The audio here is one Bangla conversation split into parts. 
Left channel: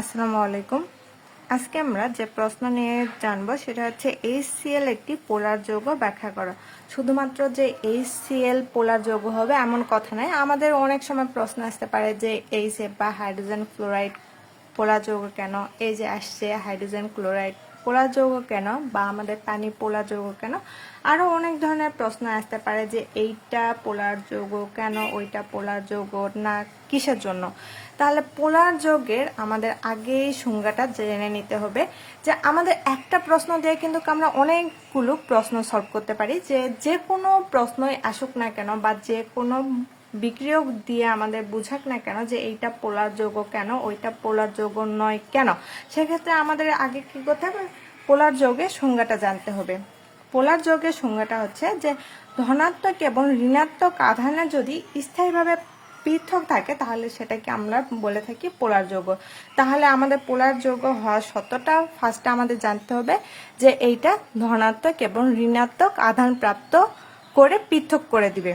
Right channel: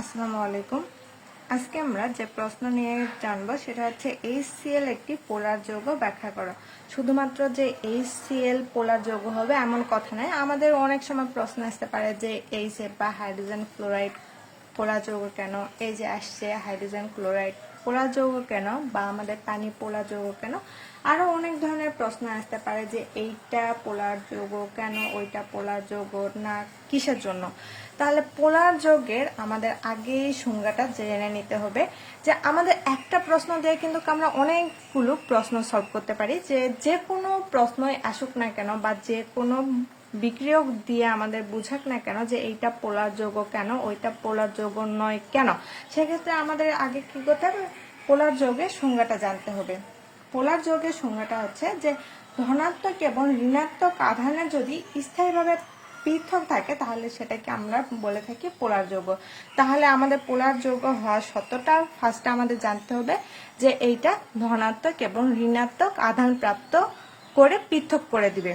আসসালামু আলাইকুম। আজকে আমরা যে প্রশ্ন নিয়ে জানব সেটা হচ্ছে এইচসিএল একটি পোলার যৌগ ব্যাখ্যা করো। শুধুমাত্র যে এইচসিএল পোলার যৌগ হবে এমন কথা নয়, আমাদের অনেক সময় প্রশ্ন আসতে পারে যে এইচএফ বা হাইড্রোজেন ক্লোরাইড পোলার যৌগ কেন? এই যে আসছে হাইড্রোজেন ক্লোরাইড পোলার যৌগ কেন? বা আমাদের পানি পোলার যৌগ কেন? আরও অনেক ধরনের প্রশ্ন আসতে পারে যে এইটা পোলার যৌগ কেন, ওইটা পোলার যৌগ না, কিসের জন্য? তাহলে পোলার যৌগে আমাদের আগেই সংজ্ঞাটা জেনে নিতে হবে যে আমাদের একটা প্রশ্ন দিয়ে কিন্তু আমরা অনেকগুলো প্রশ্ন সলভ করতে পারি যে যে কোনো প্রশ্নই আসুক না কেন বা যে কোনো বিক্রিয়ক দিয়ে আমাদের বুঝাক না কেন যে এইটা পোলার যৌগ কেন, ওইটা পোলার যৌগ নয় কেন? সেক্ষেত্রে আমাদের আগে কি করতে হবে? পোলার যৌগের সংজ্ঞাটা জানতে হবে। পোলার যোগের সংজ্ঞাটা হচ্ছে যে ধনাত্মক এবং ঋণাত্মক আধানে যদি স্থায়ীভাবে পৃথক থাকে, তাহলে সেটাকে আমরা বলে থাকি পোলার যৌগ। তাহলে আমাদের পোলার যৌগ হওয়ার সত্যটা ফার্স্টে আমাদের জানতে হবে যে এইটা ধনাত্মক এবং ঋণাত্মক আধান প্রাপ্ত করে পৃথক করে দিবে।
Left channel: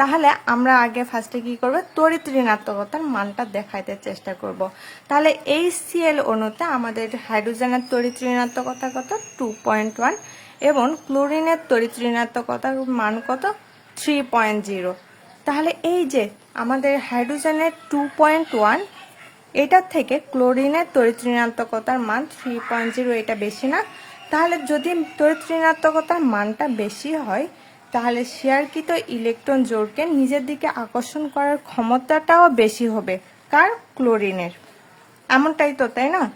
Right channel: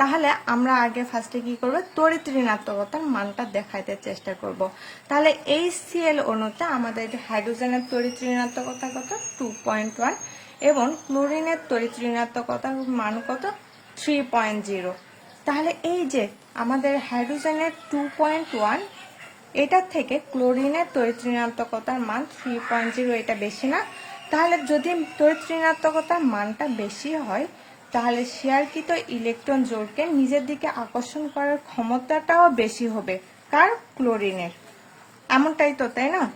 তাহলে আমরা আগে ফার্স্টে কি করব? তড়িৎ ঋণাত্মকতার মানটা দেখাইতে চেষ্টা করব। তাহলে এই সিএল অণুতে আমাদের হাইড্রোজেনের তড়িৎ ঋণাত্মকতা কত? টু পয়েন্ট ওয়ান এবং ক্লোরিনের তড়িৎ ঋণাত্মকতার মান কত? থ্রি পয়েন্ট জিরো তাহলে এই যে আমাদের হাইড্রোজেনের টু পয়েন্ট ওয়ান এটার থেকে ক্লোরিনের তড়িৎ ঋণাত্মকতার মান থ্রি পয়েন্ট জিরো এটা বেশি না। তাহলে যদি তড়িৎ ঋণাত্মকতার মানটা বেশি হয় তাহলে শেয়ারকৃত ইলেকট্রন জোড়কে নিজের দিকে আকর্ষণ করার ক্ষমতাটাও বেশি হবে কার? ক্লোরিনের। এমনটাই তো, তাই না?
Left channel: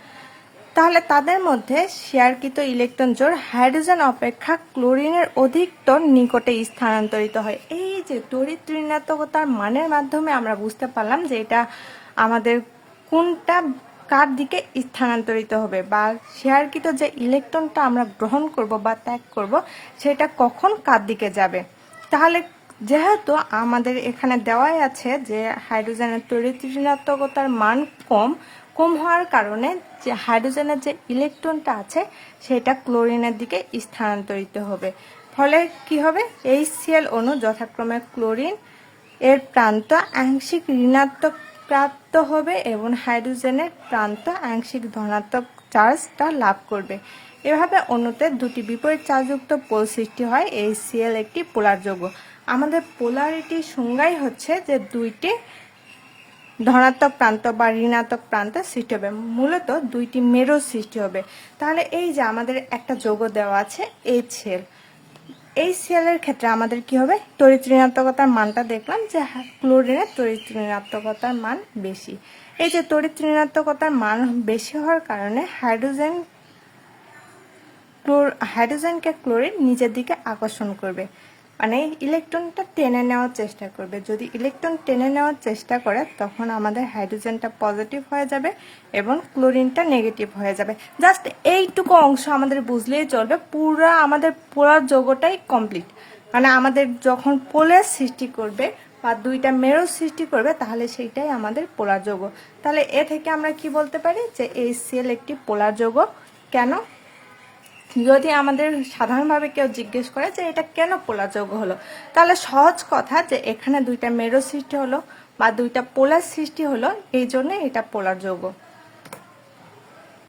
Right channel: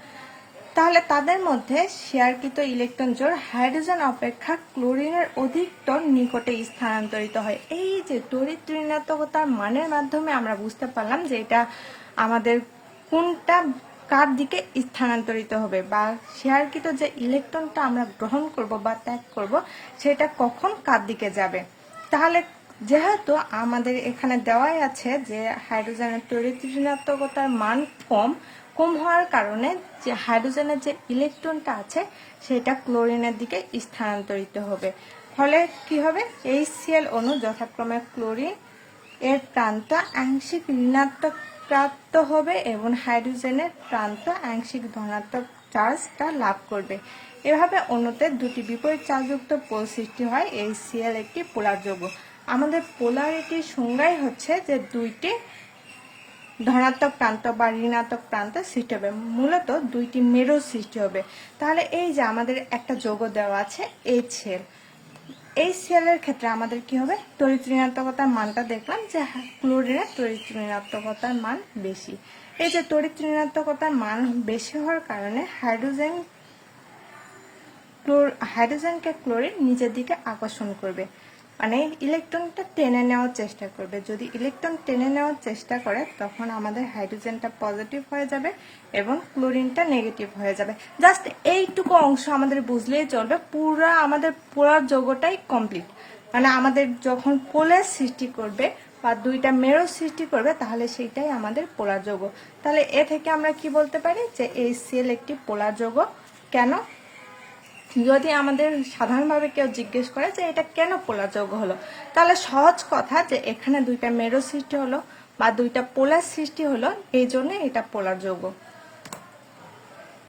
তাহলে তাদের মধ্যে শেয়ারকৃত ইলেকট্রন জোড় হাইড্রোজেন অপেক্ষা ক্লোরিনের অধিকতর নিকটে স্থানান্তরিত হয়। এই যে তড়িৎ ঋণাত্মকতার মানের মাধ্যমে আমরা বুঝতে পারলাম যে এটা আমাদের কোনটা কার দিকে স্থানান্তরিত হবে বা শেয়ারকৃত যে ইলেকট্রনটা আমরা গ্রহণ করব বা ত্যাগ করব, সেটা কখন কার দিকে যাবে? তাহলে যেহেতু আমাদের এখানে দেওয়াই আছে যে হাইড্রোজেনের তড়িৎ ঋণাত্মকতার মান কম কম হওয়ার কারণে যে হাইড্রোজেনের যে ইলেকট্রনটা আছে, সেটা ক্লোরিনের দিকে স্থানান্তরিত হবে। ফলে কি হবে? এই সিএল অণু যথাক্রমে ক্লোরিন, এর প্রান্ত আংশিক ঋণাত্মক প্রাপ্ত হবে এবং হাইড্রোজেনের প্রান্ত আংশিক ধনাত্মক চার্জটা লাভ করবে। এভাবে অণুতে দুটি বিপরীত চার্জযুক্ত পোল সৃষ্টি হয়, এই সিএল একটি পোলার যৌগ। আমাদের পোলারিটির সংজ্ঞাই হচ্ছে যে দুইটি ধনাত্মক প্রান্ত বা ঋণাত্মক প্রান্ত সৃষ্টি হবে। মূলত দুইটি মেরো সৃষ্টি হবে। তাহলে এই যে আমাদের একটা যৌগ দেওয়া আছে এই সেল এই সিয়ালের ক্ষেত্রে আমাদের কি হবে? তড়িৎ ঋণাত্মকতার মানটা দেখলাম যে ক্লোরিনের তড়িৎ ঋণাত্মকতার মান বেশি। এই যে তড়িৎ ঋণাত্মকতার মান বেশি হওয়ার কারণে হাইড্রোজেন হাইড্রোজেনকে ক্লোরিন নিজের দিকে আকর্ষণ করবে। মানে ইলেকট্রনটা টেনে নেওয়ার চেষ্টা করবে। যদি ইলেকট্রন টেনে নেওয়ার চেষ্টা করে, তখন আমাদের হাইড্রোজেনটা পজিটিভ হয়ে যাবে এবং ক্লোরিনটা নেগেটিভ হয়ে যাবে। জাস্ট এইটুকু অংশ আমাদের বুঝলেই চলবে। পুরো আমাদের, পুরো যোগটাই কমপ্লিট মানে আমাদের যখন পোলের সৃষ্টি করবে বা দুইটা মেরুর সৃষ্টি করবে, তাহলে সেইটাই আমাদের পোলার যৌগ তাহলে এ থেকে আমরা কি বলতে পারি? যে এই সেল একটি পোলার যৌগ কেন? যদি আমাদের সাধারণভাবে কেউ জিজ্ঞেস করে যে এটা কেন পোলা যোগ হলো, তাহলে সহজ কথা যে এখানে দুইটা মেরো সৃষ্টি হলো বা দুইটা পোলার সৃষ্টি হলো, এই জন্য এটা পোলার যৌগ।